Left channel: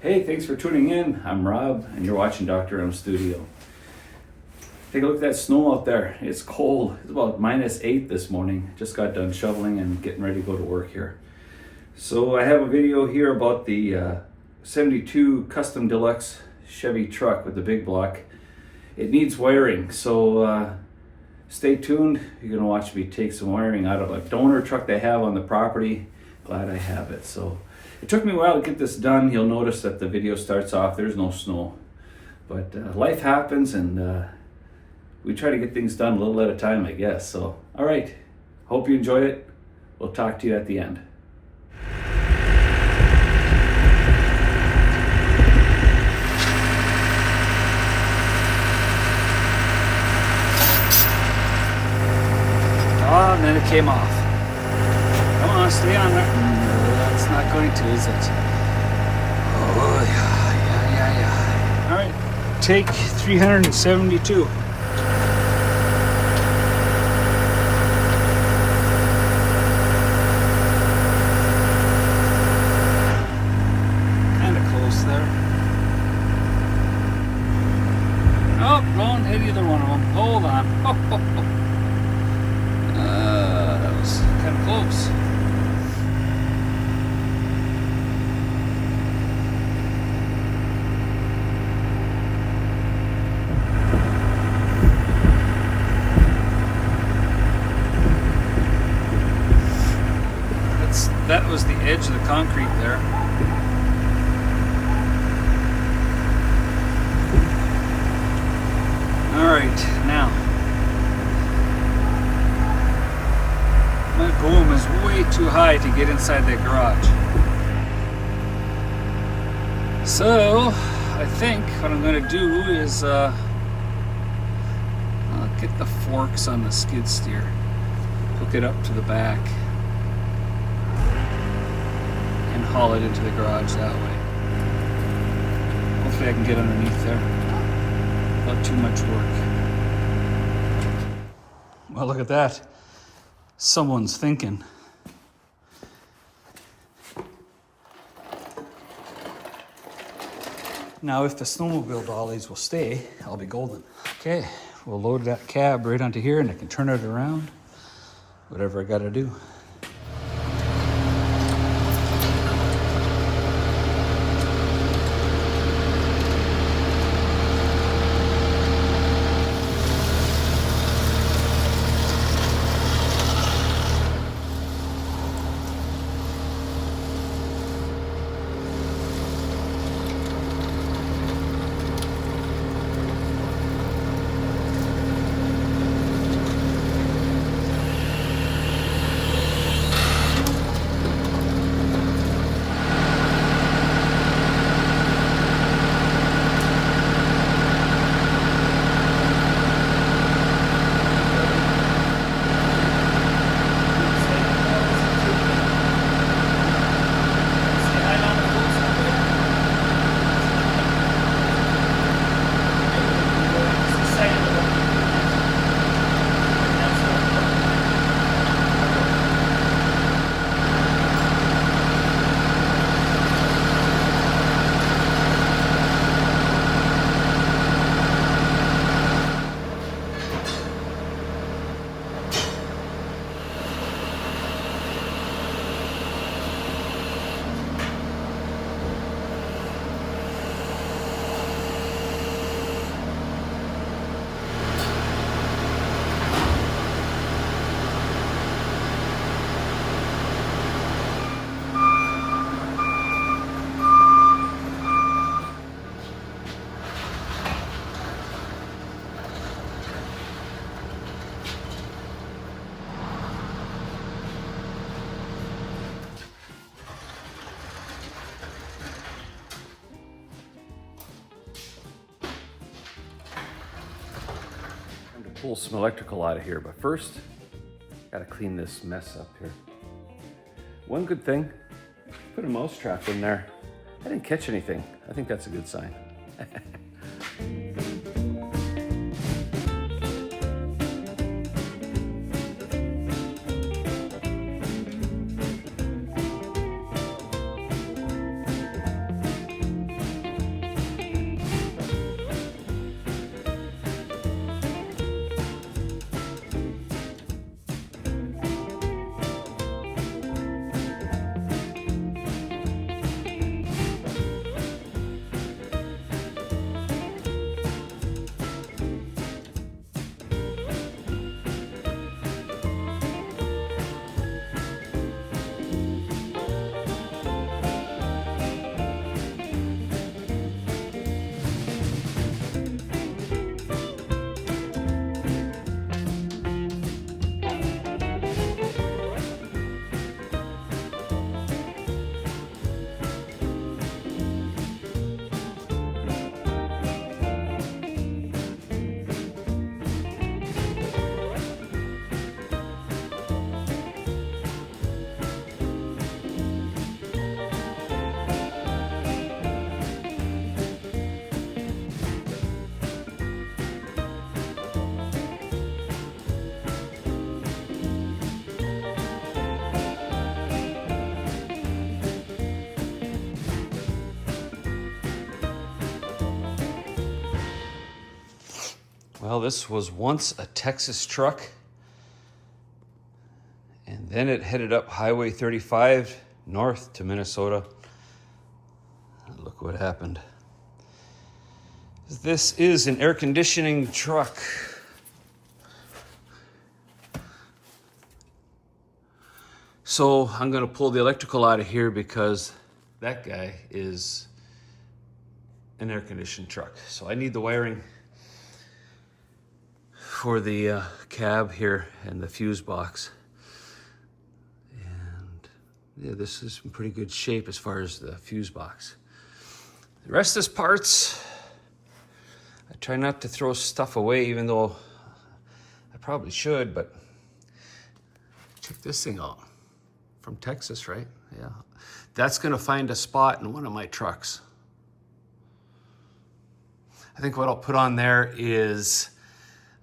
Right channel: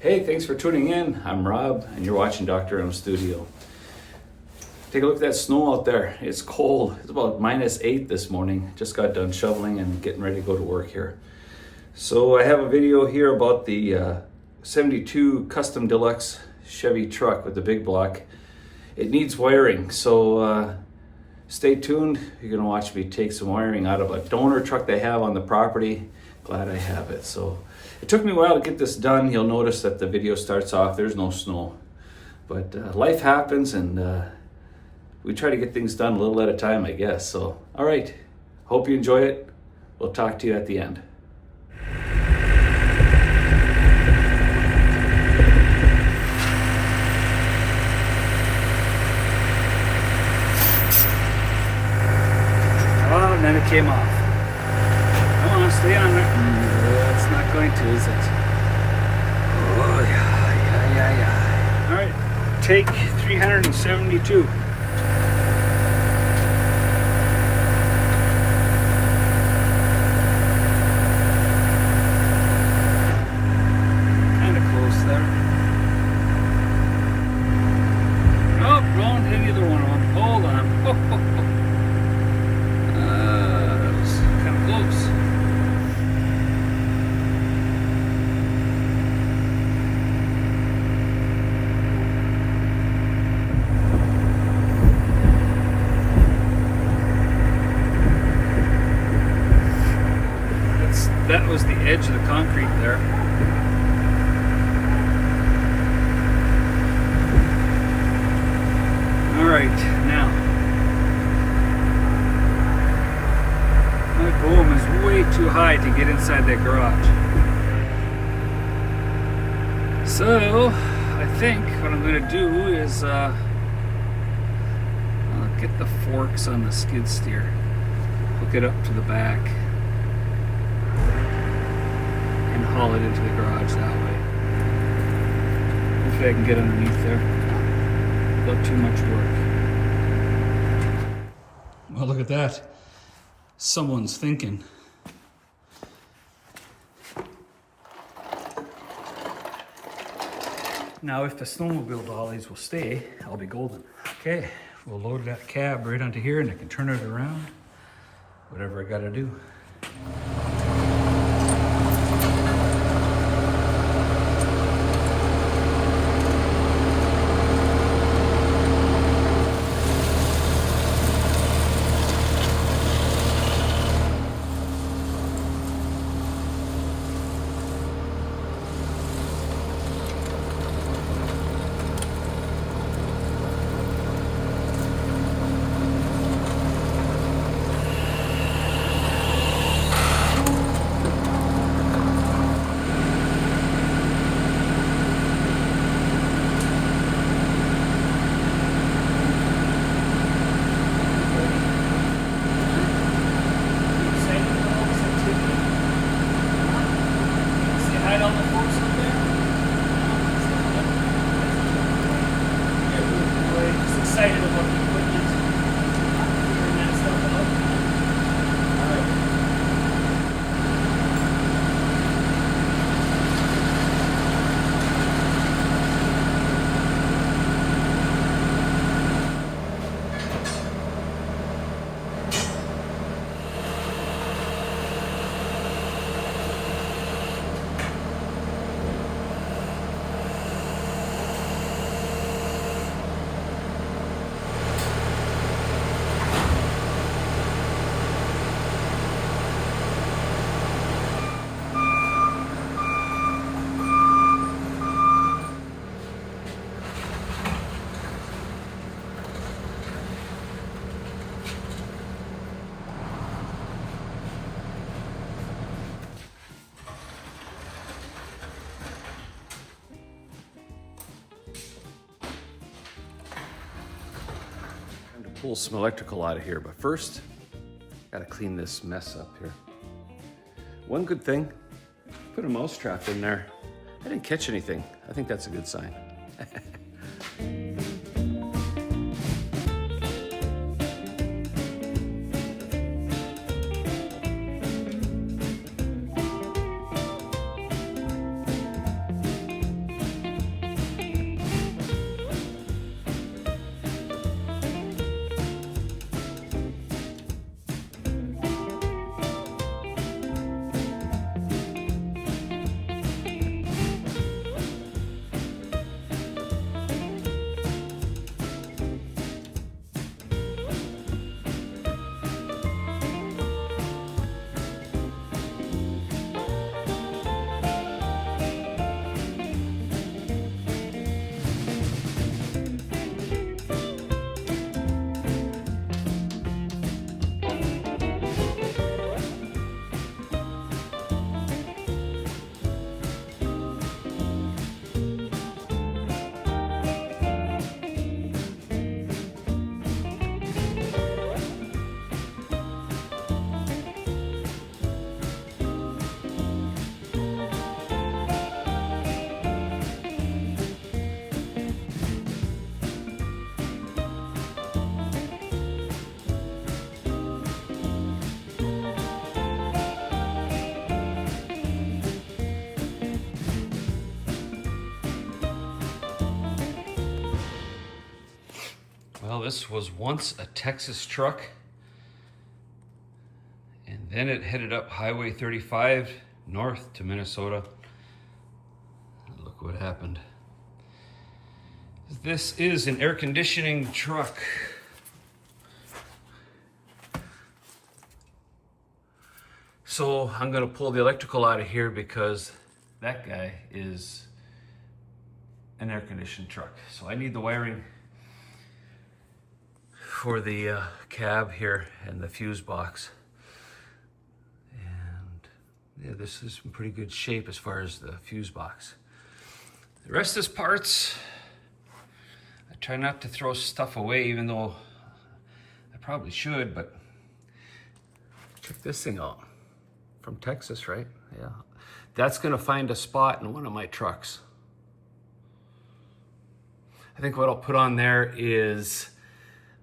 Hey, thanks for tuning in. I'm Rob, and you're watching Dr.M Studio. Take a look at that snow out there. It's cold. It's about -8 this morning. Just got done shoveling and getting ready to go to work here. So I have a video here about the 72 Custom Deluxe Chevy truck with the big block. It needs wiring, so stay tuned. You're gonna watch me take some wiring out of a donor truck they have on the property. Glad I have it. So it took me a while to get this done. You'll notice that the video starts off, there's no snow. But life happens, and we try to get things done a little at a time, I guess. So, all right. Hope you enjoy it. We'll talk to you at the end. Oh, and then it came off. Come on, stay on there. No, that's not going to, is it? Oh, yeah. All right, take 372. Kind of close there. Oh, don't hit either one of them. Hold on. That was kind of close. That was the edge of the concrete there. All right, now my boom is way too high to get inside that garage. So I think what I'm going to do is get the forks on the skid steer, hook it up to the back, haul it into the garage that way. Hopefully I can get underneath there without too much work. Well, look at that. Someone's thinking. Now, if the snowmobile dollies will stay, I'll be golden. Okay, we'll load that cab right onto here and I can turn it around. Whatever I gotta do. Pull some electrical out of here, but first, gotta clean this mess up here. One good thing, put a mouse trap in there. I didn't catch anything. I think that's a good sign. Well, this was once a Texas truck, and then it headed up Highway 35 north to Minnesota. Look what happened. This is an air conditioning truck. So I'm going to pull the electrical out of here because that guy is an air conditioned truck. So I need the wiring for the cab here and the fuse box. And yeah, this is in pretty good shape as far as the fuse box. The rest is parts. I try not to throw stuff away, even though I probably should, but check this thing out. From Texas, right? Yeah. That's gonna find a spot in one of my trucks. I think what I'll put on there is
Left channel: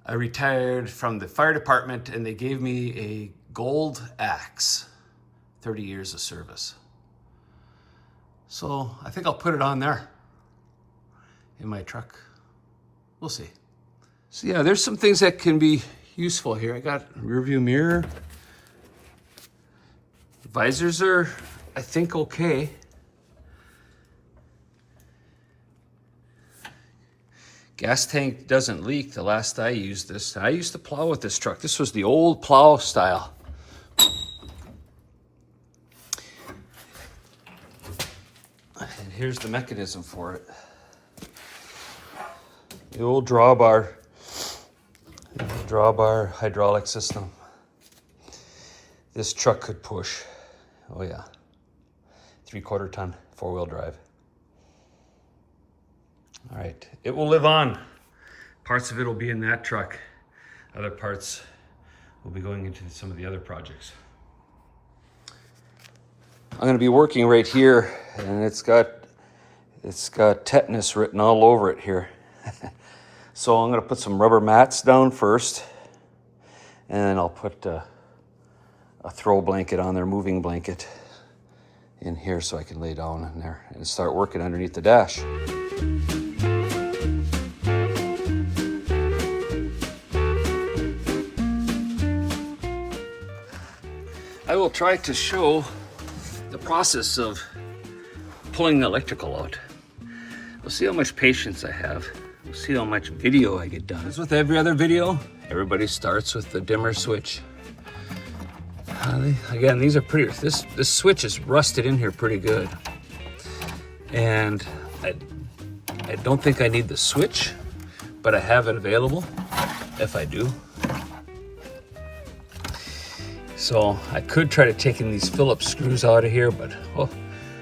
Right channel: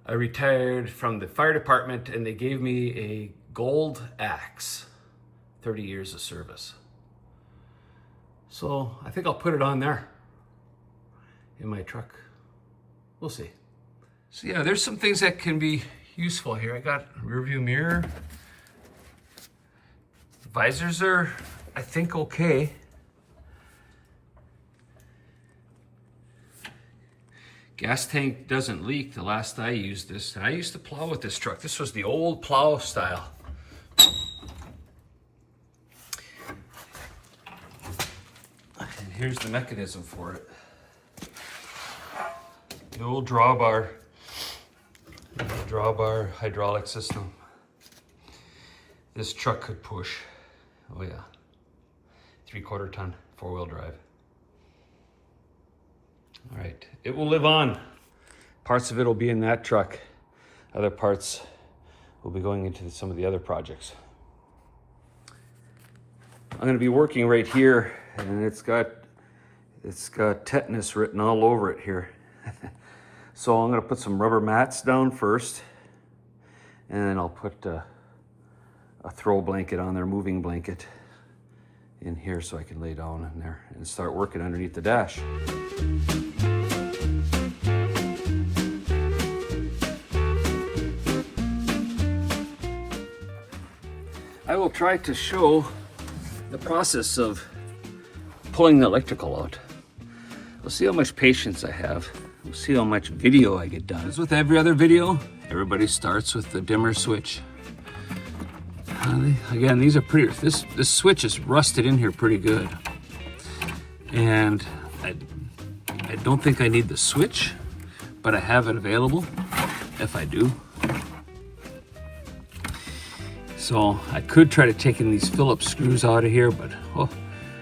I retired from the fire department and they gave me a gold axe, 30 years of service. So I think I'll put it on there in my truck. We'll see. So yeah, there's some things that can be useful here. I got a rear view mirror. Visors are, I think, okay. Gas tank doesn't leak. The last I used this, I used to plow with this truck. This was the old plow style. And here's the mechanism for it. The old drawbar hydraulic system. This truck could push. Oh yeah, 3/4 ton, 4-wheel drive. All right, it will live on. Parts of it will be in that truck. Other parts will be going into some of the other projects. I'm gonna be working right here, and it's got tetanus written all over it here. So I'm gonna put some rubber mats down first, and then I'll put a throw blanket on there, moving blanket in here so I can lay down in there and start working underneath the dash. I will try to show the process of pulling the electrical out. We'll see how much patience I have. We'll see how much video I get done. As with every other video, everybody starts with the dimmer switch. Again, these are pretty, this switch is rusted in here pretty good. And I don't think I need the switch, but I have it available if I do. So I could try to take in these Phillips screws out of here, but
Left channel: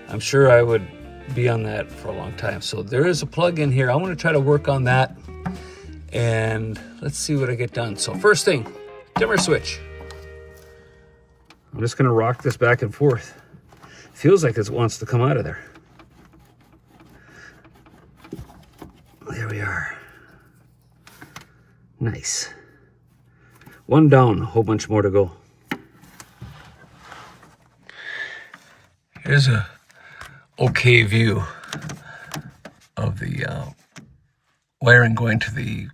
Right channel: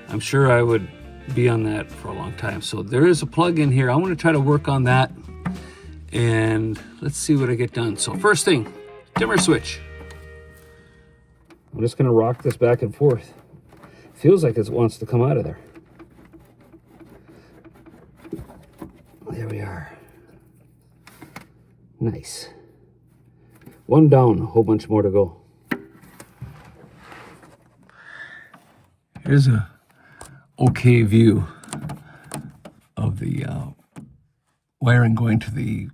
I'm sure I would be on that for a long time. So there is a plug in here. I want to try to work on that and let's see what I get done. So first thing, dimmer switch. I'm just gonna rock this back and forth. Feels like it wants to come out of there. There we are. Nice. One down, a whole bunch more to go. Here's a okay view of the wiring going to the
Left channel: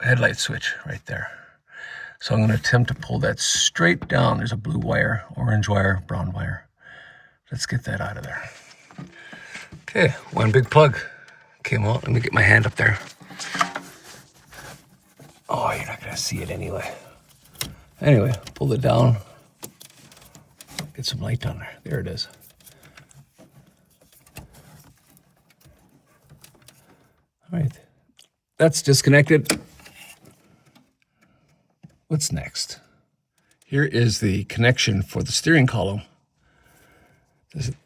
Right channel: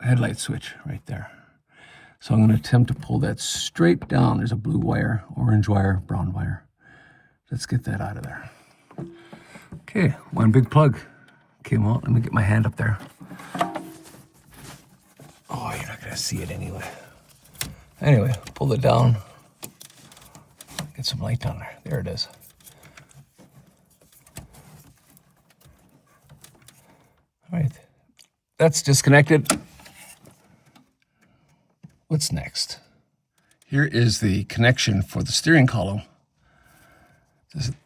headlight switch right there. So I'm going to attempt to pull that straight down. There's a blue wire, orange wire, brown wire. Let's get that out of there. Okay, one big plug came out. Let me get my hand up there. Oh, you're not going to see it anyway. Anyway, pull it down. Get some light down there. There it is. All right, that's disconnected. What's next? Here is the connection for the steering column.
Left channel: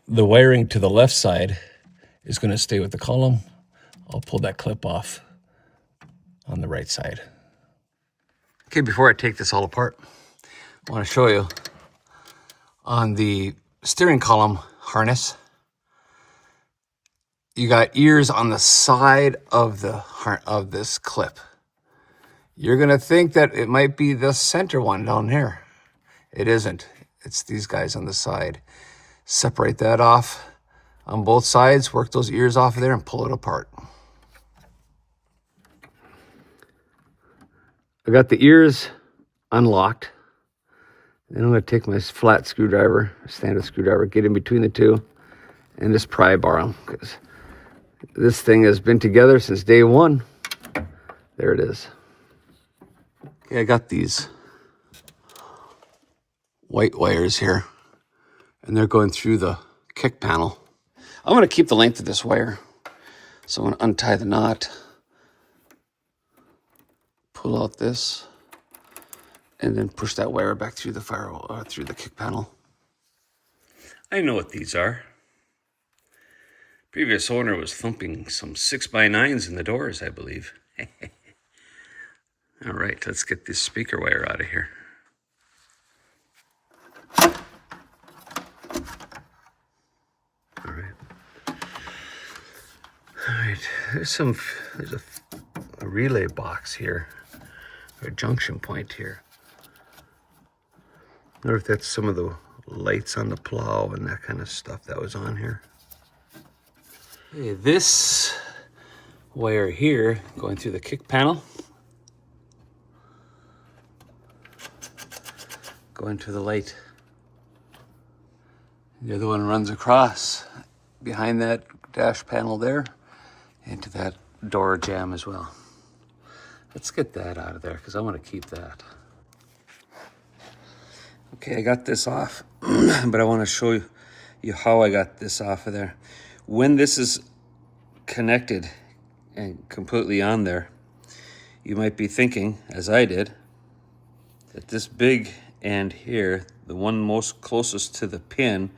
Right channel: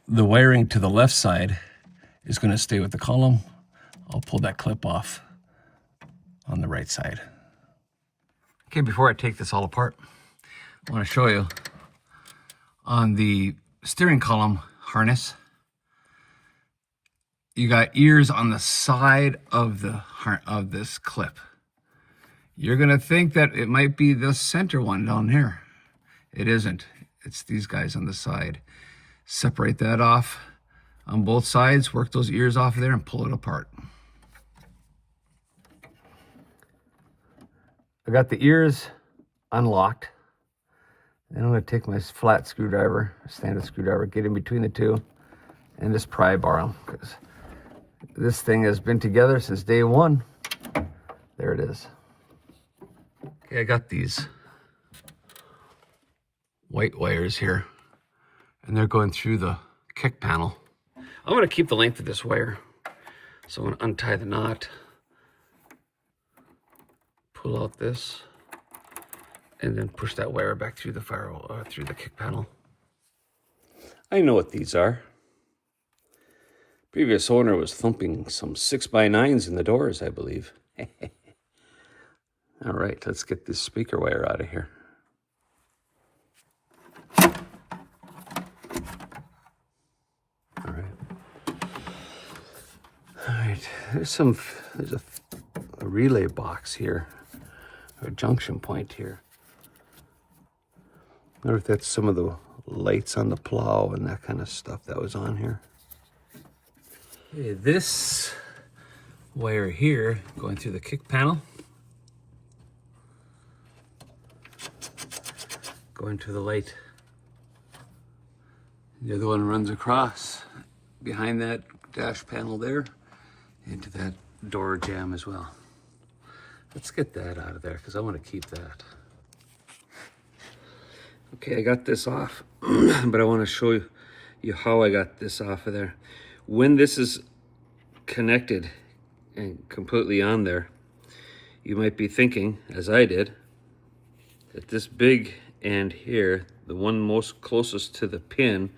The wiring to the left side is going to stay with the column. I'll pull that clip off on the right side. Okay, before I take this all apart, I want to show you on the steering column harness, you got ears on the side of this clip. You're gonna think that it might be the center one down here. It isn't. It's these guys on the side. Separate that off on both sides, work those ears off of there and pull it apart. I got the ears unlocked. Then I'm going to take my flat screwdriver, standard screwdriver, get in between the two, and just pry bar them, because this thing has been together since day one. There it is. Okay, I got these white wires here, and they're going through the kick panel. I'm going to keep the length of this wire, so I'm going to untie the knot, pull out this, and then push that wire back through the through the kick panel. I know what these are. Previous owner was thumping some 6x9s in the doors, I believe. All right, let's get this speaker wire out of here. All right, there's a relay box here, or a junction point here. I wonder if that's some of the lights on the plow and that kind of stuff that was on here. Okay, this wire here going through the kick panel, going to the light. The other one runs across behind that dash panel there into that door jamb as well. Let's get that out of there because I want to keep that. Okay, I got this off, but I want to show you how I got this off of there. When this is connected and completely on there, you might be thinking, as I did, that this big end here, the one most closest to the pin,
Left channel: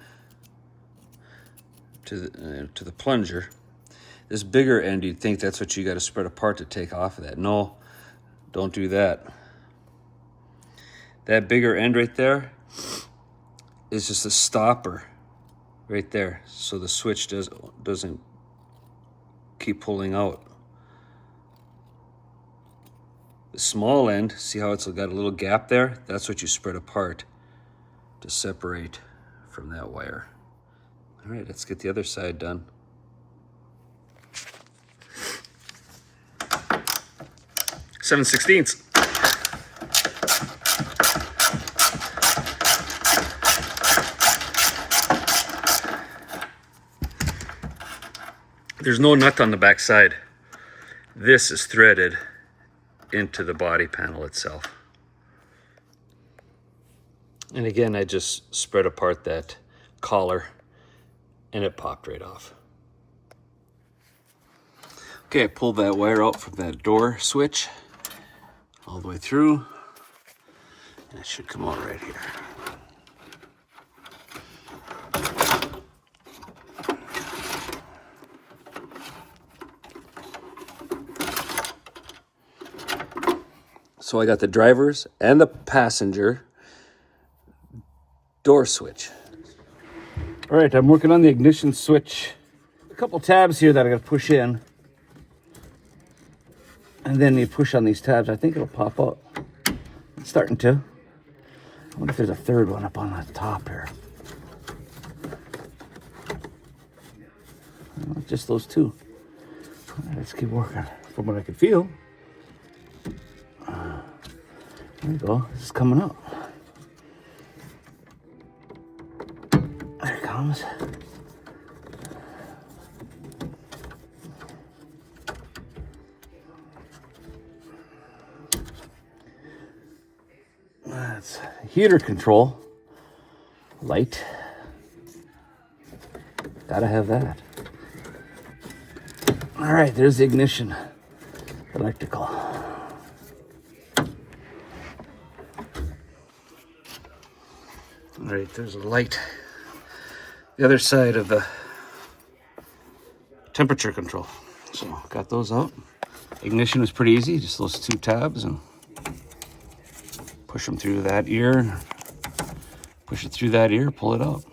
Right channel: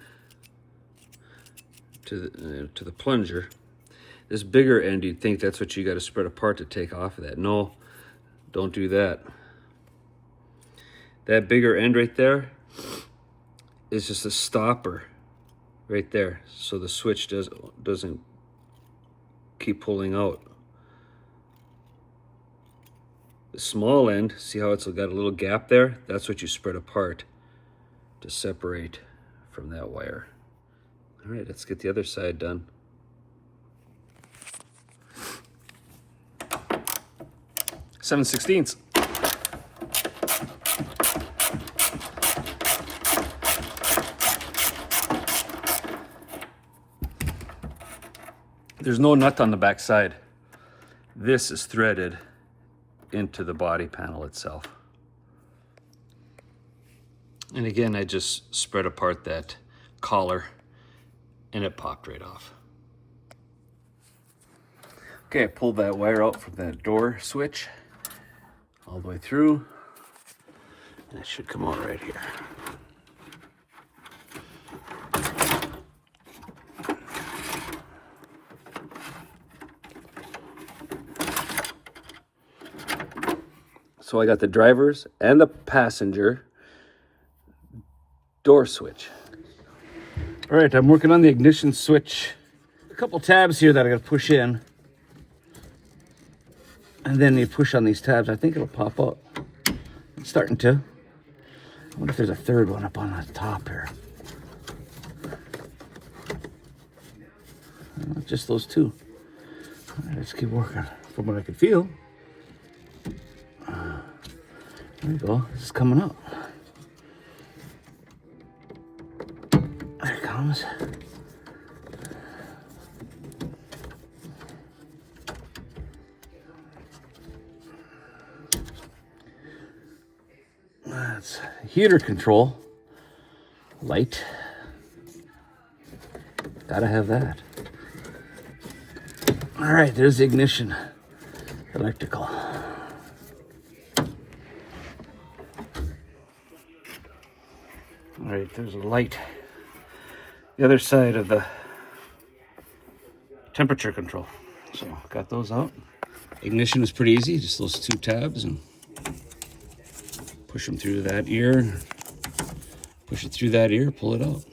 to the plunger, this bigger end, you'd think that's what you got to spread apart to take off of that. No, don't do that. That bigger end right there is just a stopper right there, so the switch doesn't keep pulling out. The small end, see how it's got a little gap there? That's what you spread apart to separate from that wire. All right, let's get the other side done. Seven 16ths. There's no nut on the back side. This is threaded into the body panel itself. And again, I just spread apart that collar and it popped right off. Okay, I pulled that wire out from that door switch all the way through, and it should come out right here. So I got the driver's and the passenger door switch. All right, I'm working on the ignition switch. A couple tabs here that I gotta push in. And then you push on these tabs, I think it'll pop up. It's starting to. I wonder if there's a third one up on the top here. Well, just those two. All right, let's keep working. From what I can feel. There you go, this is coming up. There it comes. That's heater control light. Gotta have that. All right, there's the ignition electrical. All right, there's a light. The other side of the temperature control. So got those out. Ignition is pretty easy, just those two tabs and push them through that ear. Push it through that ear, pull it out.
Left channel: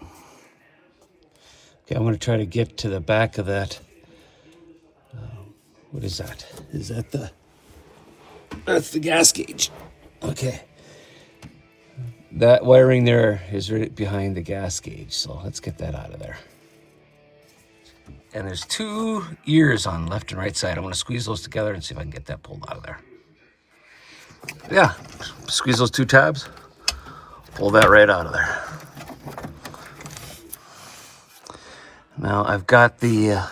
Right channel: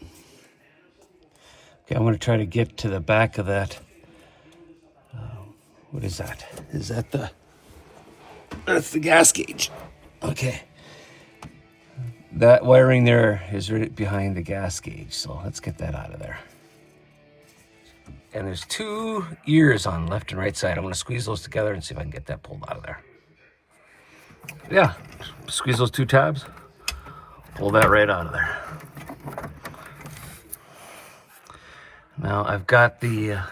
Okay, I'm gonna try to get to the back of that. What is that? Is that that's the gas gauge. Okay. That wiring there is right behind the gas gauge, so let's get that out of there. And there's two ears on left and right side. I'm gonna squeeze those together and see if I can get that pulled out of there. Yeah, squeeze those 2 tabs, pull that right out of there. Now I've got the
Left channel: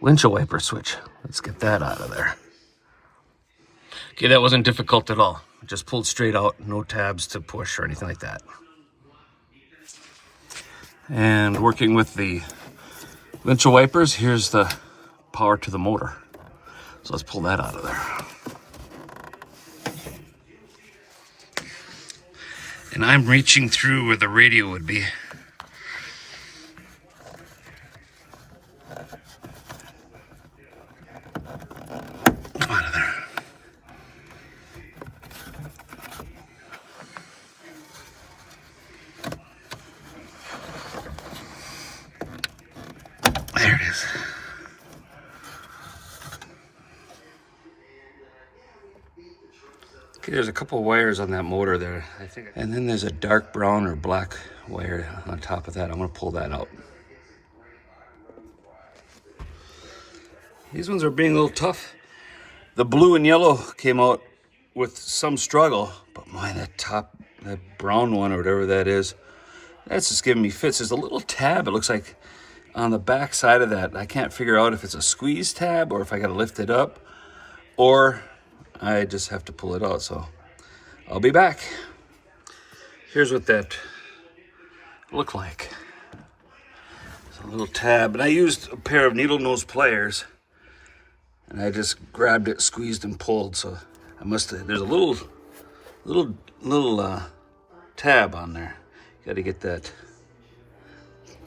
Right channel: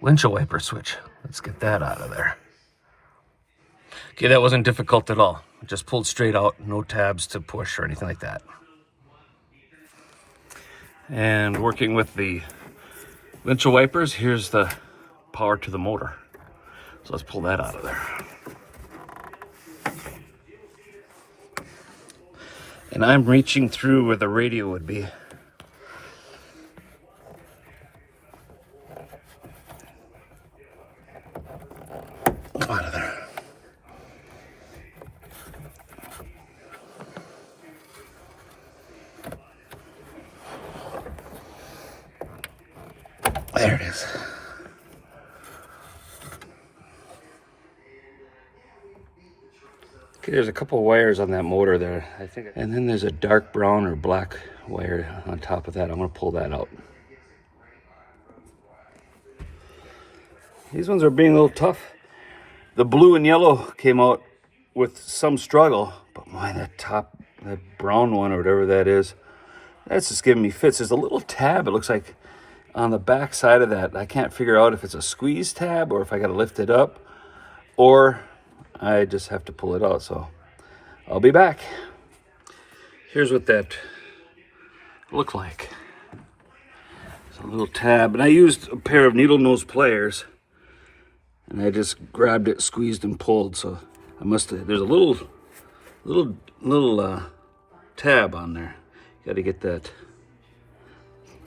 windshield wiper switch. Let's get that out of there. Okay, that wasn't difficult at all. Just pulled straight out, no tabs to push or anything like that. And working with the windshield wipers, here's the power to the motor. So let's pull that out of there. And I'm reaching through where the radio would be. Come out of there. There it is. Okay, there's a couple wires on that motor there, I think. And then there's a dark brown or black wire on top of that. I'm gonna pull that out. These ones are being a little tough. The blue and yellow came out with some struggle, but man, that brown one or whatever that is, that's just giving me fits. There's a little tab, it looks like, on the back side of that. I can't figure out if it's a squeeze tab or if I gotta lift it up or I just have to pull it out. So I'll be back. Here's what that looked like. It's a little tab, and I used a pair of needle nose pliers and I just grabbed it, squeezed and pulled. So I must have, there's a little tab on there. Got to get that.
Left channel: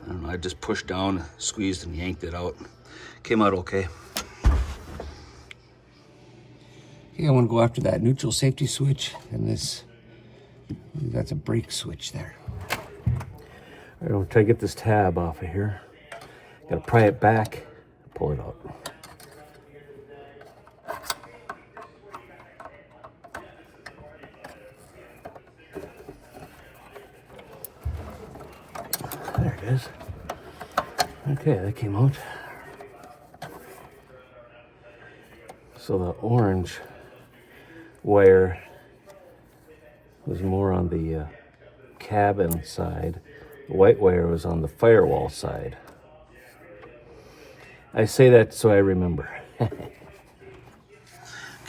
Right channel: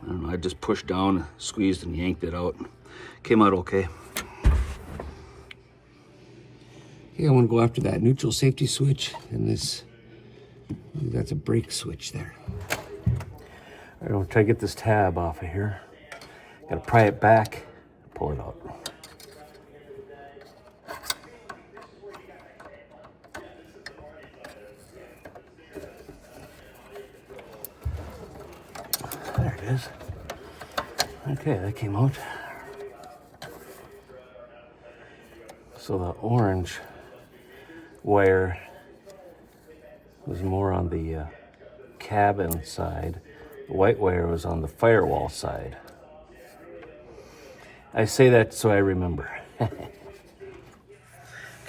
I don't know, I just pushed down, squeezed and yanked it out. Came out okay. Okay, I want to go after that neutral safety switch and this, that's a brake switch there. I'm going to try to get this tab off of here. Got to pry it back, pull it out. There it is. Okay, that came out. So the orange wire was more on the cabin side. The white wire was on the firewall side. I say that so I remember. Okay,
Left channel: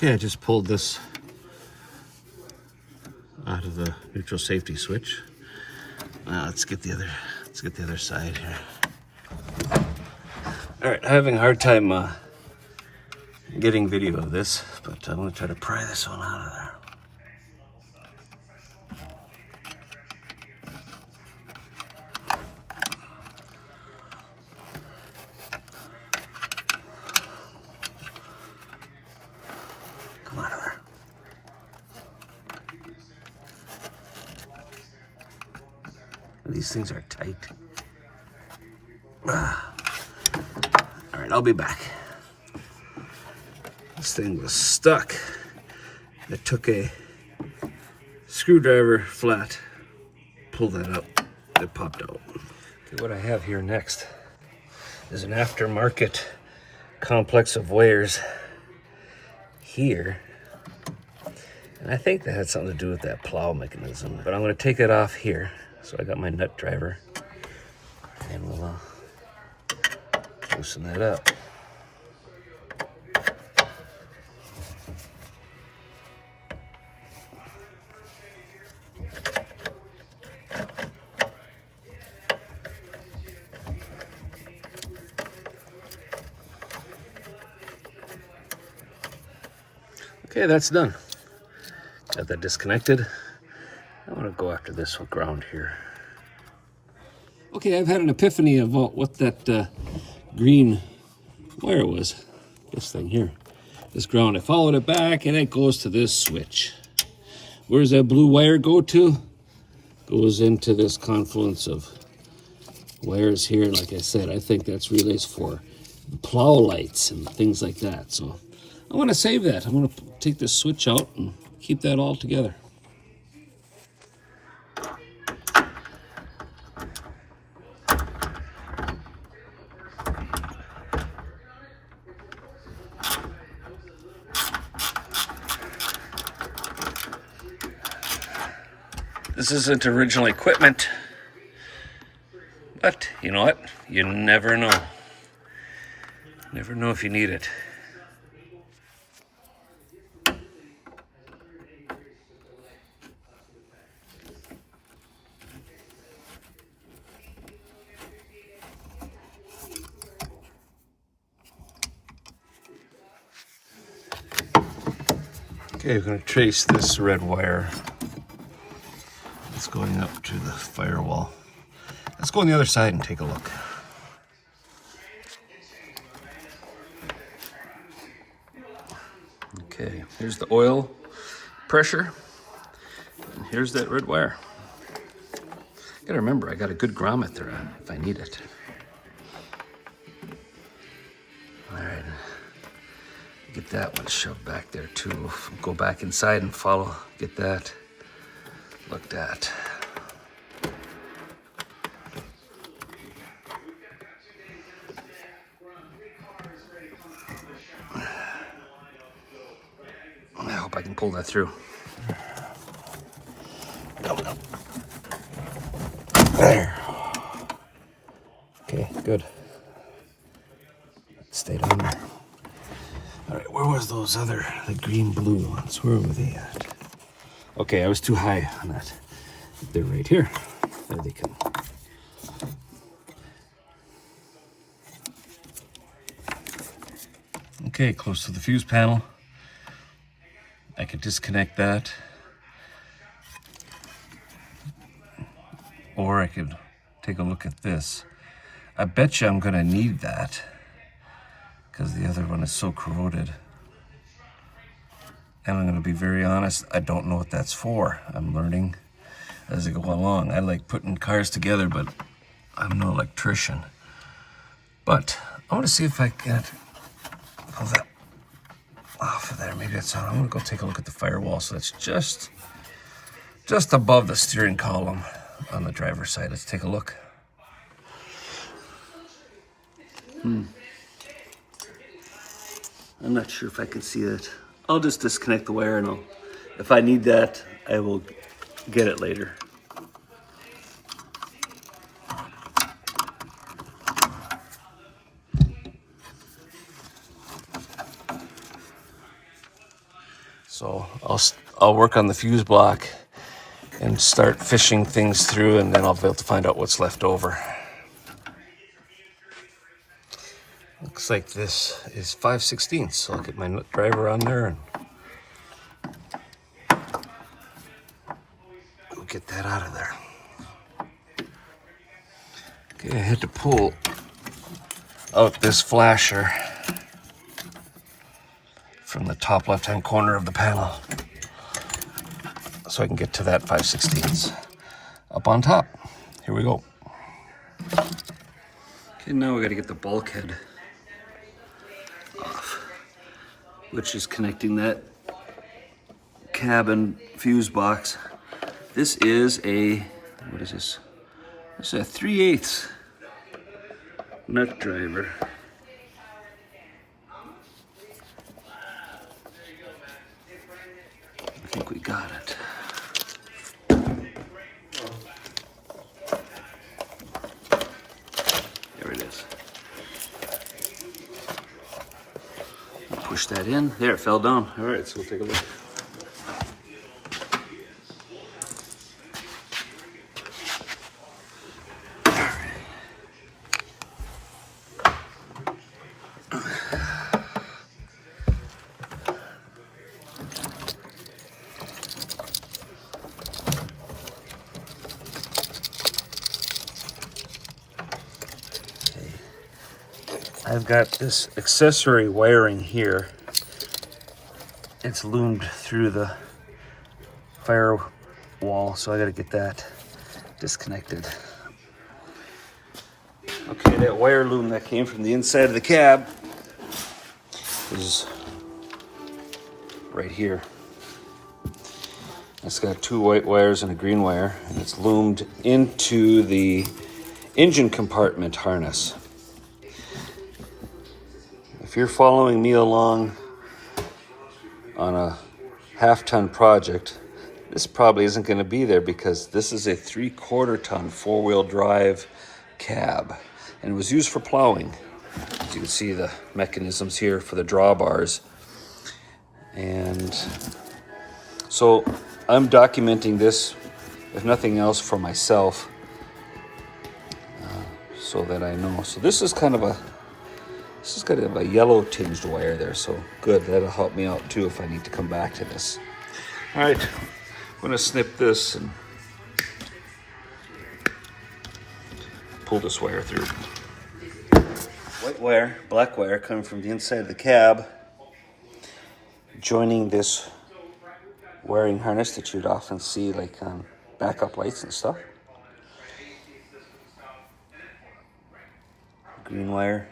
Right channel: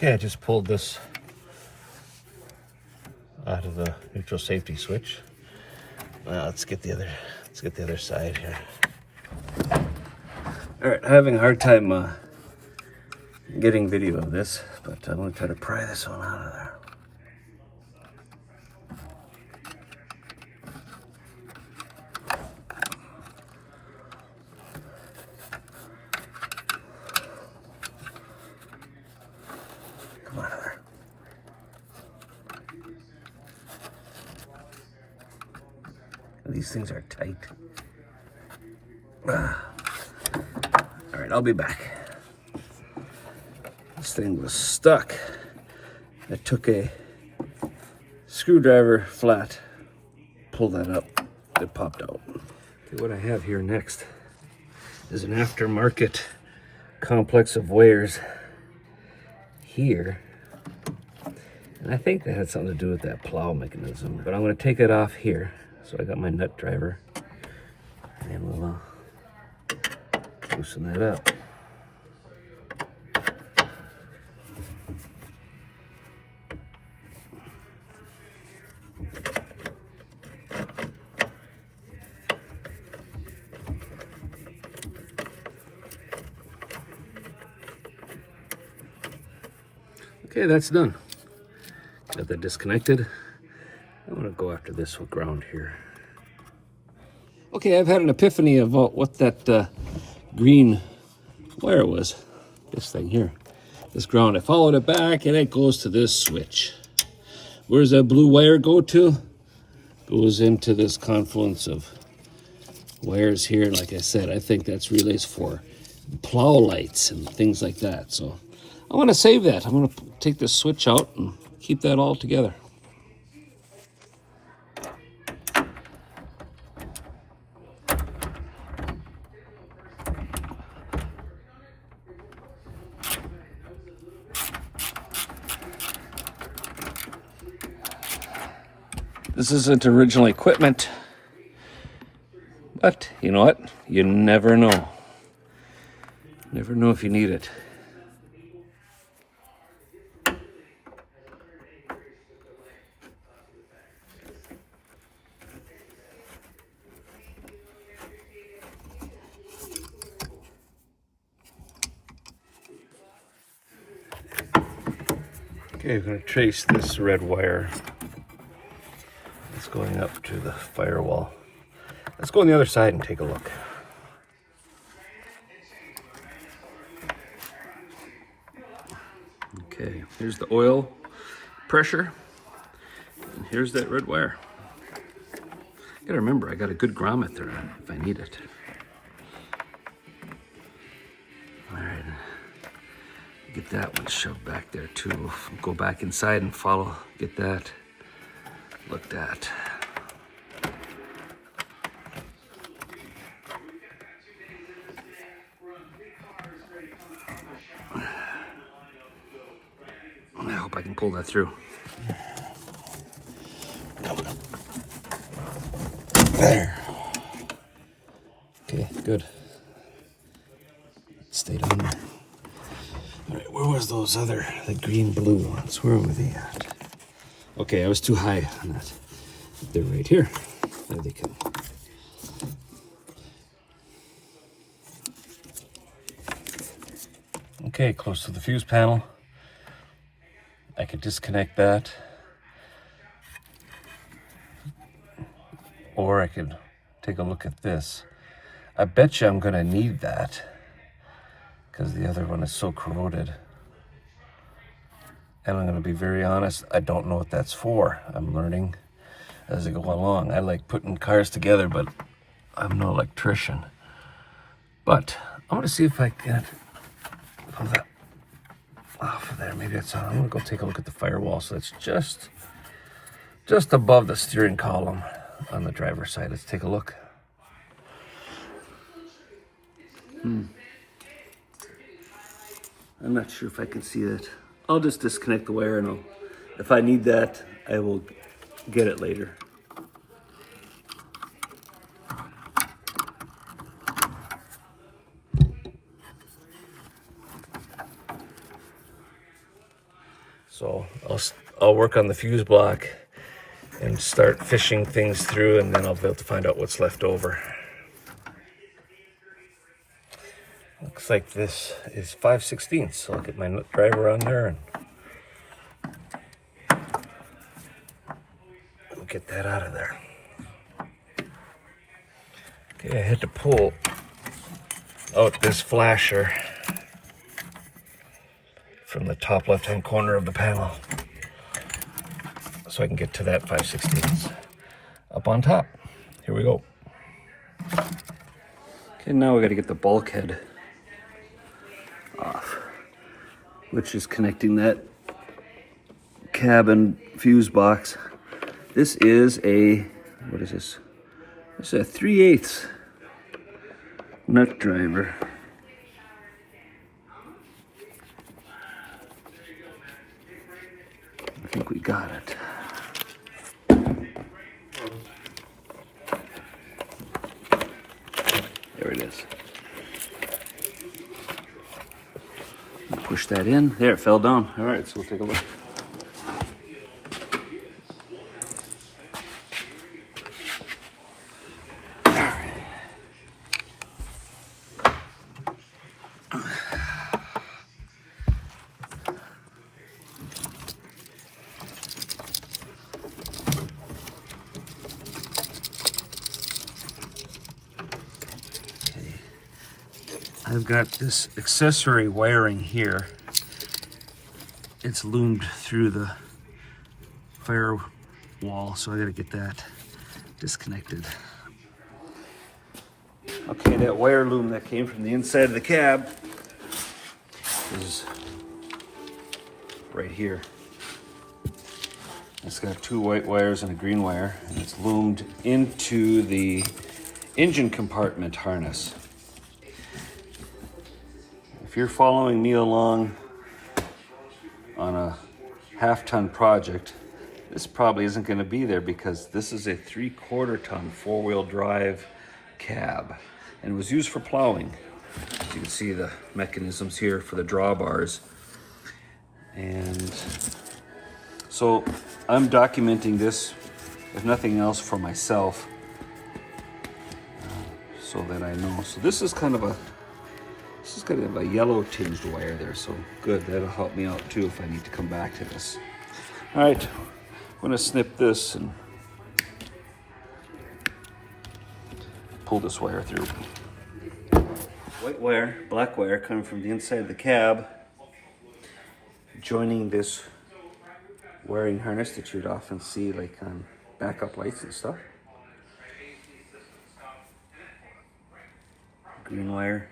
I just pulled this out of the neutral safety switch. Now let's get the other side here. All right, I'm having a hard time getting video of this, but I'm gonna try to pry this one out of there. Come out of there. These things are tight. All right, I'll be back. This thing was stuck. I took a screwdriver flat, pulled that up, it popped out. Okay, what I have here next is an aftermarket complex of wires here. And I think that had something to do with that plow mechanism, but I'm gonna take it off here. So I got my nut driver and we'll loosen that up. Okay, that's done. Got that disconnected. I want to go after this with ground here. Okay, I've had an epiphany about what that green wire was. This thing here, this ground. I followed it back and it goes to this switch. Where does that blue wire go to? Goes into this confluence of wires here. And like I said, I think that's relays for plow lights and things like that. So I want to save that. I'm going to take this switch out and keep that all together. This isn't original equipment, but you know what? You never know. Never know if you need it. Okay, I'm going to trace this red wire. It's going up to the firewall. Let's go on the other side and take a look. Okay, here's the oil pressure, and here's that red wire. Gotta remember, I got a good grommet on if I need it. All right, get that one shoved back there too. Go back inside and follow, get that looked at. I hope I can pull that through. Coming up. There. Okay, good. Stayed on there. All right, where was those other, the green blue ones? Where were they at? Okay, I was too high on that. They're right here. There they come. Okay, close to the fuse panel. I could disconnect that. Or I could take a look at this. I bet you I'm gonna need that because the other one is so corroded. And I'm gonna be very honest, I don't know what that's for. I'm learning as I go along. I like putting cars together, but I'm no electrician. But I wanna see if I can pull that off of there. Maybe that's all. I'm gonna go take a look at the firewall. So it's just above the steering column on the driver's side. Let's take a look. I'm not sure if I can see that. I'll just disconnect the wire and if I need that, I will get it later. So I'll work on the fuse block and start fishing things through, and then I'll be able to find out what's left over. Looks like this is 5/16, so I'll get my driver on there and we'll get that out of there. Okay, I had to pull out this flasher from the top left-hand corner of the panel so I can get to that 5/16 up on top. Here we go. Okay, now we got to get the bulkhead off, which is connecting that cabin fuse box. This is a, what is this? This is a 3/8 nut driver. I think we got it. There it is. Push that in. There, it fell down. All right, so we'll take a look. I've got this accessory wiring here. It's loomed through the firewall, so I gotta get that disconnected. Okay, that wire loom that came from the inside of the cab is right here. It's got two white wires and a green wire, and it's loomed into the engine compartment harness. If you're following me along on a half-ton project, This probably isn't going to be there because this is a 3/4 ton 4-wheel drive cab, and it was used for plowing. As you can see the mechanisms here for the drawbars. And so I'm documenting this, if nothing else, for myself, so that I know. So this is kind of a yellow tinged wire there, so good. That'll help me out too if I need to come back to this. All right, I'm gonna snip this and pull this wire through. White wire, black wire coming from the inside of the cab, joining this wiring harness that you'd often see like on backup lights and stuff. Green wire.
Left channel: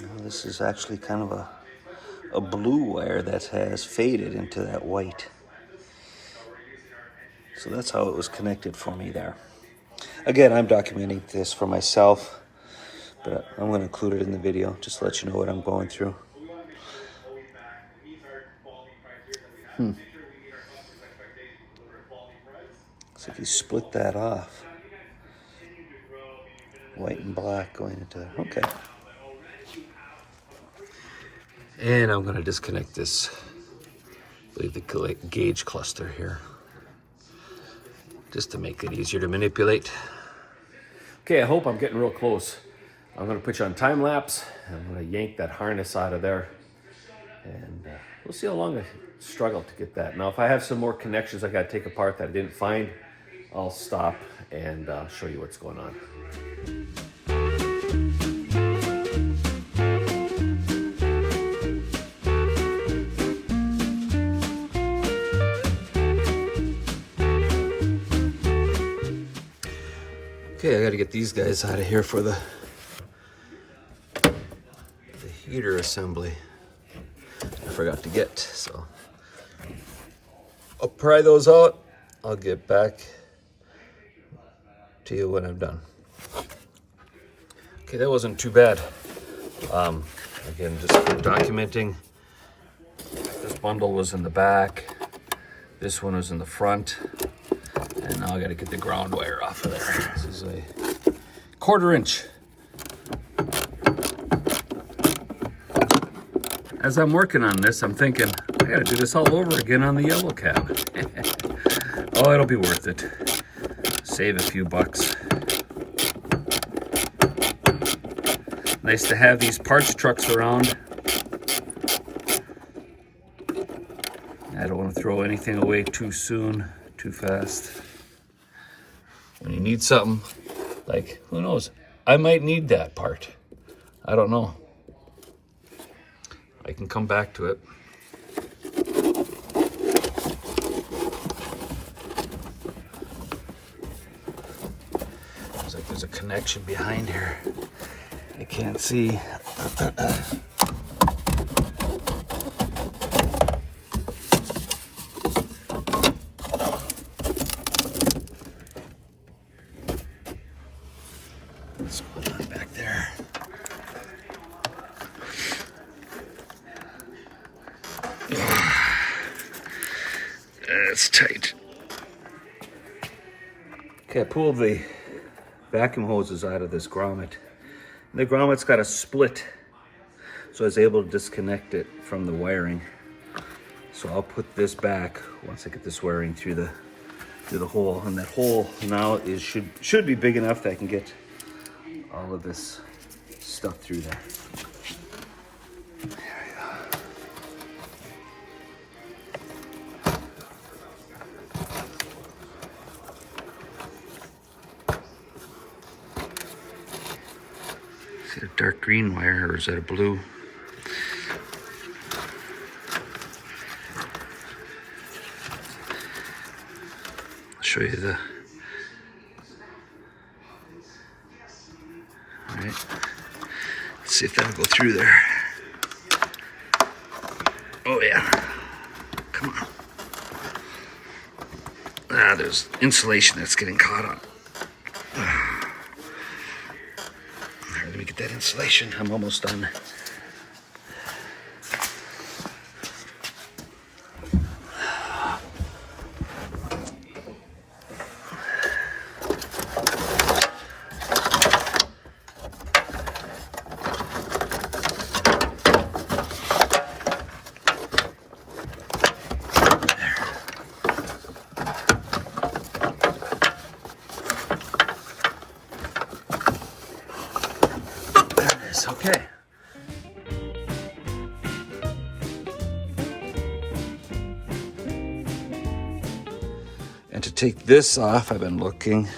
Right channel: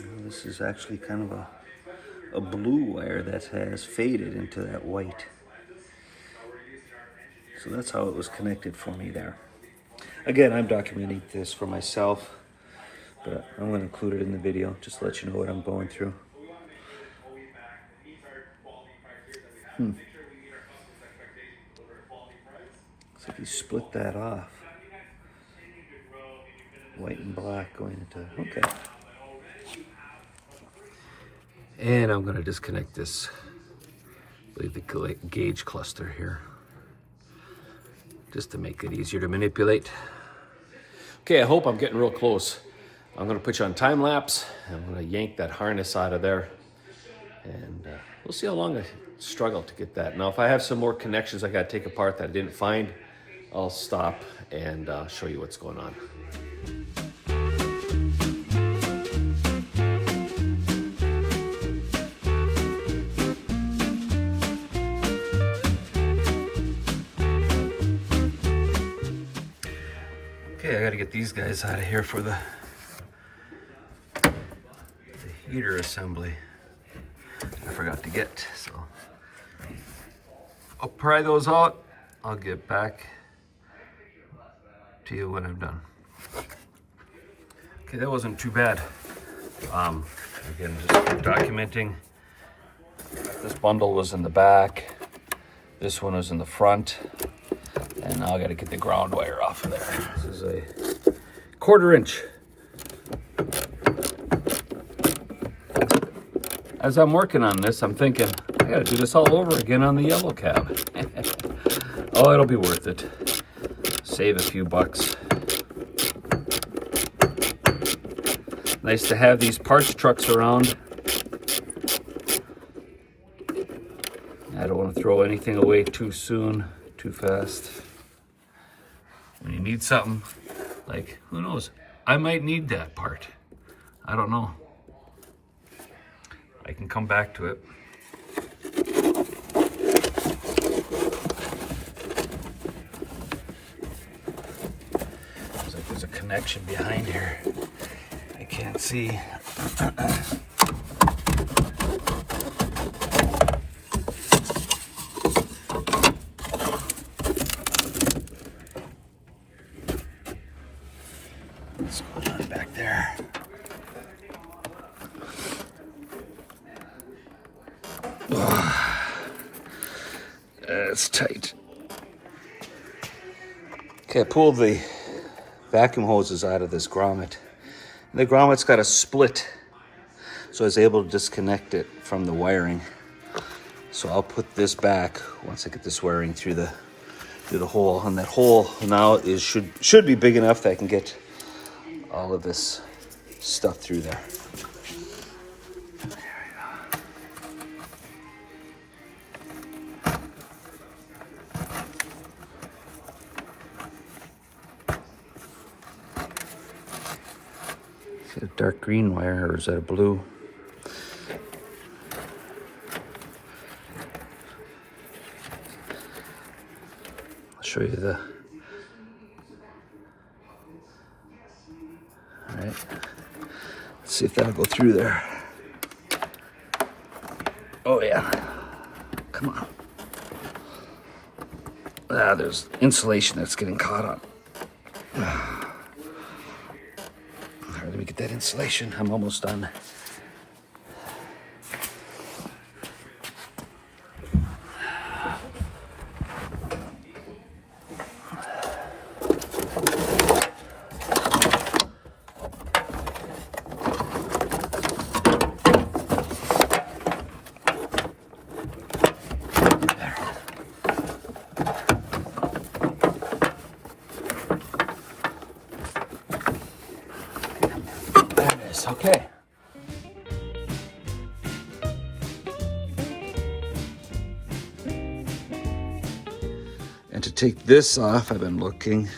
Now this is actually kind of a blue wire that has faded into that white. So that's how it was connected for me there. Again, I'm documenting this for myself, but I'm going to include it in the video just to let you know what I'm going through. So if you split that off, white and black going into, okay. And I'm going to disconnect this, I believe the gauge cluster here, just to make it easier to manipulate. Okay, I hope I'm getting real close. I'm gonna put you on time lapse. I'm gonna yank that harness out of there. And we'll see how long I struggle to get that. Now, if I have some more connections I gotta take apart that I didn't find, I'll stop and show you what's going on. Okay, I gotta get these guys out of here for the heater assembly. I forgot to get, so I'll pry those out. I'll get back to you when I'm done. Okay, that wasn't too bad. Again, just documenting. This bundle was in the back. This one was in the front. And now I gotta get the ground wire off of there. This is a 1/4 inch. As I'm working on this, I'm thinking, I gotta do this all over again on the yellow cab. Oh, it'll be worth it. Save a few bucks. Nice to have these parts trucks around. I don't want to throw anything away too soon, too fast. When you need something, like, who knows? I might need that part. I don't know. I can come back to it. Looks like there's a connection behind here. I can't see. What's going on back there? That's tight. Okay, I pulled the vacuum hoses out of this grommet. And the grommet's got a split, so I was able to disconnect it from the wiring. So I'll put this back once I get this wiring through the hole. And that hole now should be big enough that I can get all of this stuff through there. Is it a dark green wire or is that a blue? I'll show you the... All right, let's see if that'll go through there. Oh yeah, come on. Ah, there's insulation that's getting caught up. Let me get that insulation. I'm almost done. nice. Okay. And to take this off, I've been looking.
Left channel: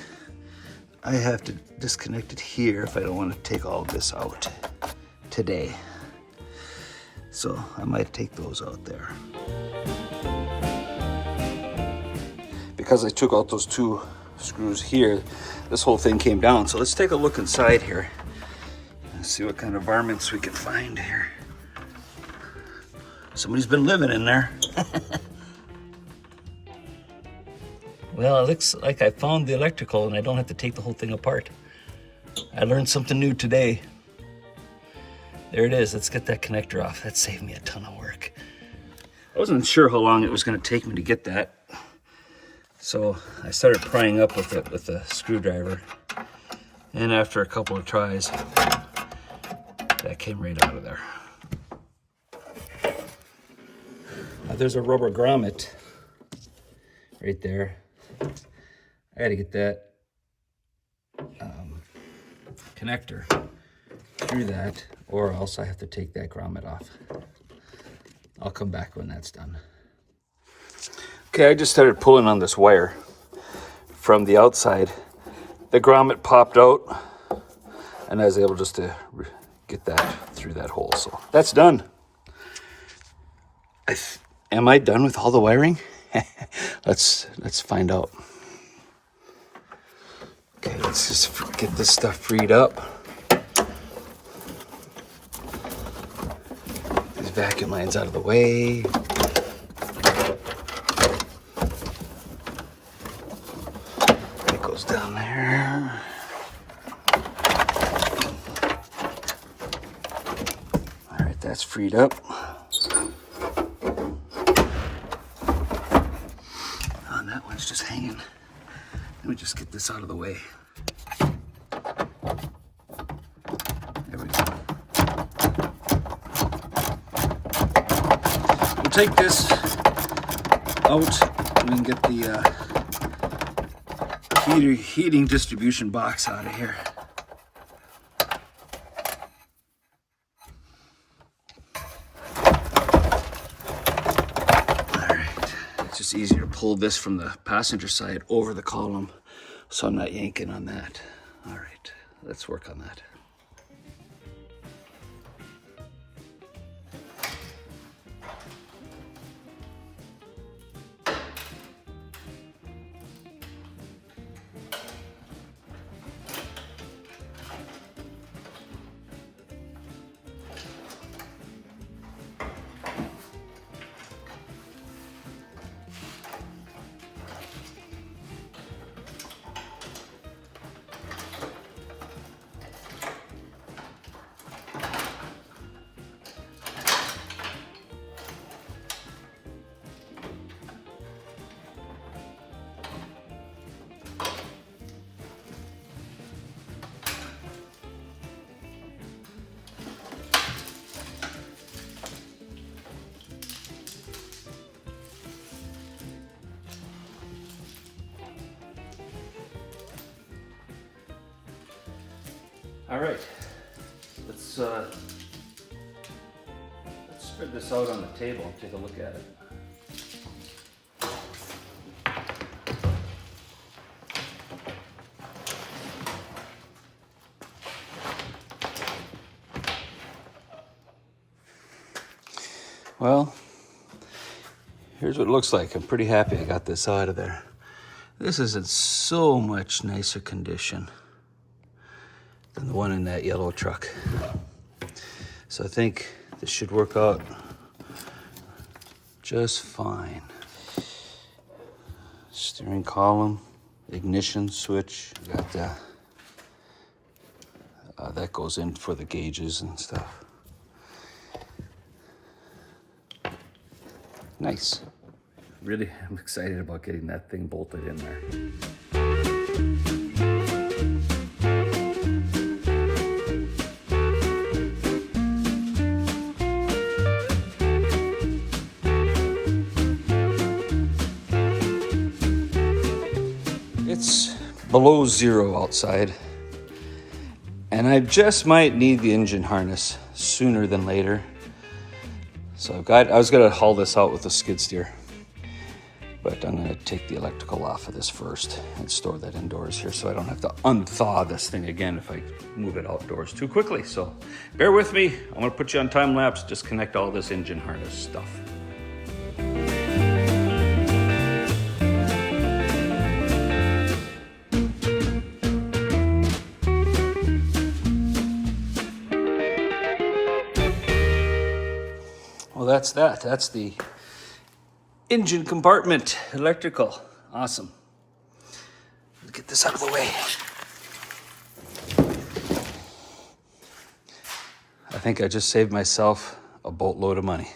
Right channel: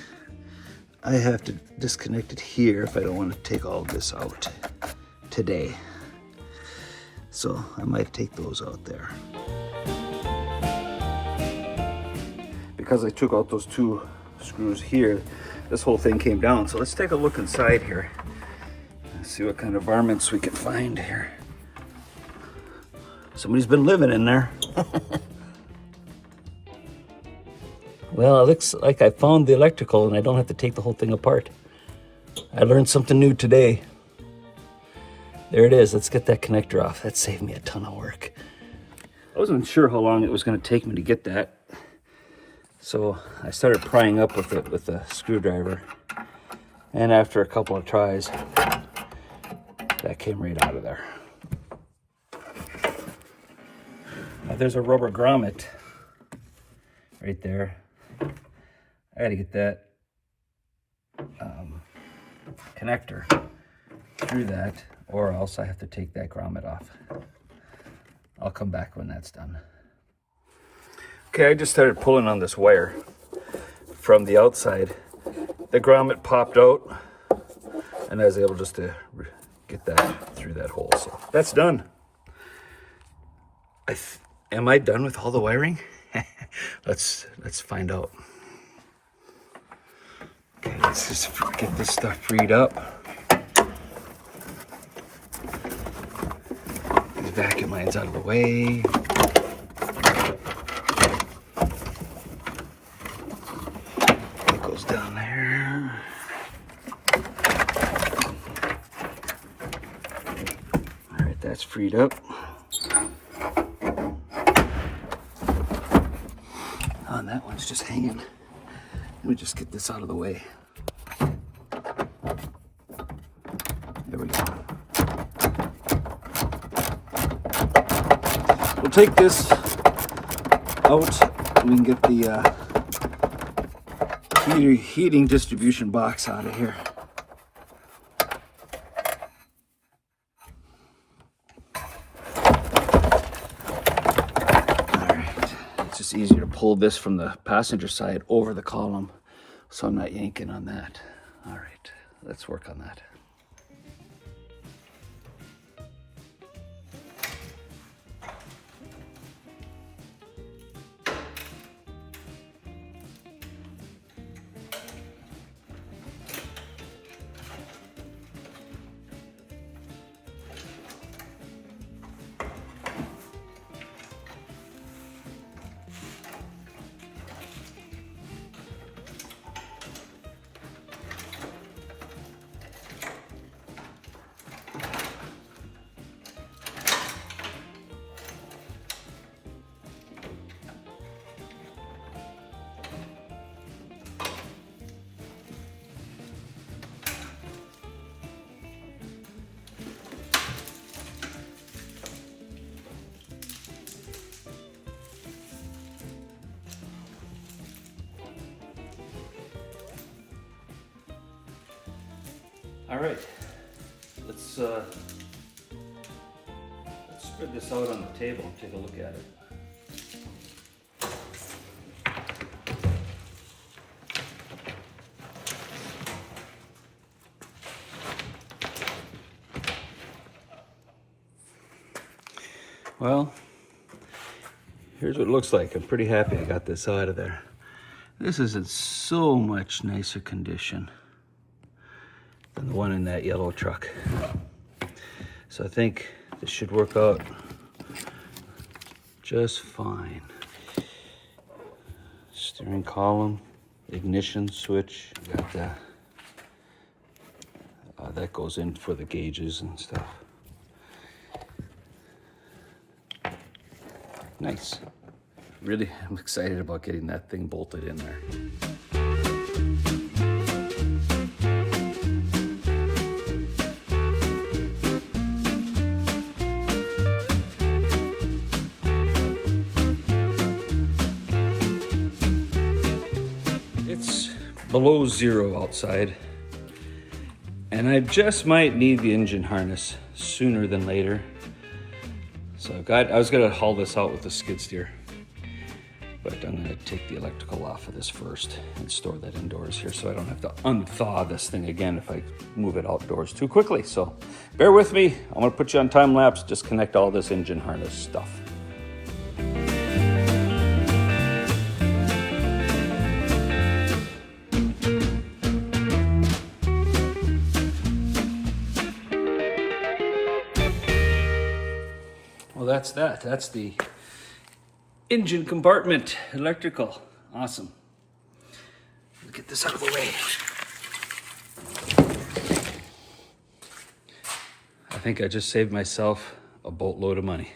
I have to disconnect it here if I don't want to take all of this out today. So I might take those out there. Because I took out those 2 screws here, this whole thing came down. So let's take a look inside here and see what kind of varmints we can find here. Somebody's been living in there. Well, it looks like I found the electrical and I don't have to take the whole thing apart. I learned something new today. There it is. Let's get that connector off. That saved me a ton of work. I wasn't sure how long it was going to take me to get that. So I started prying up with it with a screwdriver. And after a couple of tries, that came right out of there. Now there's a rubber grommet right there. I gotta get that connector through that, or else I have to take that grommet off. I'll come back when that's done. Okay, I just started pulling on this wire from the outside. The grommet popped out, and I was able just to get that through that hole. So that's done. Am I done with all the wiring? Let's find out. Okay, let's just get this stuff freed up. These vacuum lines out of the way. That goes down there. All right, that's freed up. Oh, that one's just hanging. Let me just get this out of the way. There we go. We'll take this out. We can get the heating distribution box out of here. It's just easier to pull this from the passenger side over the column, so I'm not yanking on that. All right, let's work on that. All right, let's spread this out on the table and take a look at it. Well, here's what it looks like. I'm pretty happy I got this out of there. This is in so much nicer condition than the one in that yellow truck. So I think this should work out just fine. Steering column, ignition switch. Got that. That goes in for the gauges and stuff. Nice. Really, I'm excited about getting that thing bolted in there. It's below zero outside, And I just might need the engine harness sooner than later. So I was gonna haul this out with a skid steer, but I'm gonna take the electrical off of this first and store that indoors here so I don't have to unthaw this thing again if I move it outdoors too quickly. So bear with me, I'm gonna put you on time lapse, disconnect all this engine harness stuff. Well, that's that. That's the engine compartment, electrical. Awesome. Let's get this out of the way. I think I just saved myself a boatload of money.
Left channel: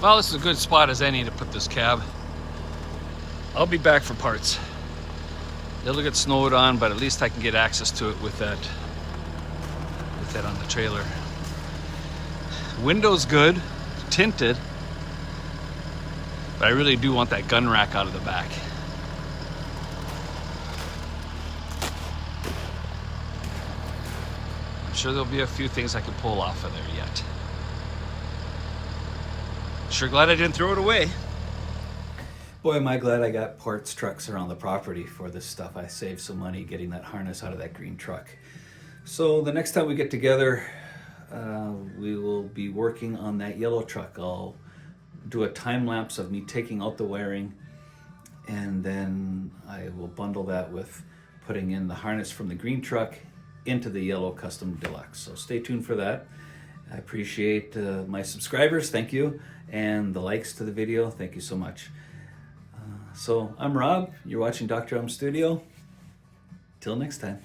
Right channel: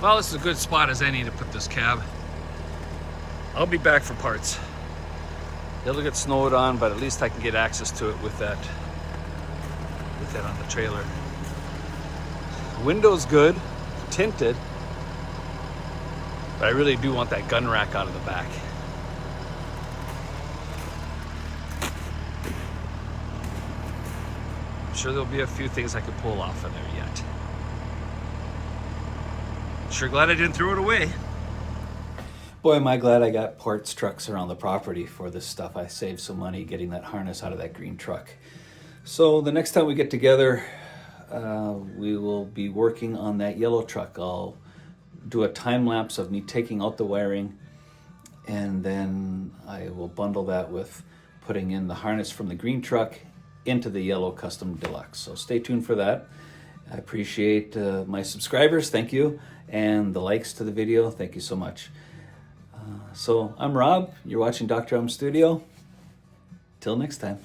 Well, this is a good spot as any to put this cab. I'll be back for parts. It'll get snowed on, but at least I can get access to it with that on the trailer. Window's good, tinted, but I really do want that gun rack out of the back. I'm sure there'll be a few things I could pull off of there yet. Sure glad I didn't throw it away. Boy, am I glad I got parts trucks around the property for this stuff. I saved some money getting that harness out of that green truck. So the next time we get together, we will be working on that yellow truck. I'll do a time lapse of me taking out the wiring, and then I will bundle that with putting in the harness from the green truck into the yellow custom deluxe. So stay tuned for that. I appreciate my subscribers, thank you, and the likes to the video, thank you so much. So I'm Rob, you're watching Dr.M Studio. Till next time.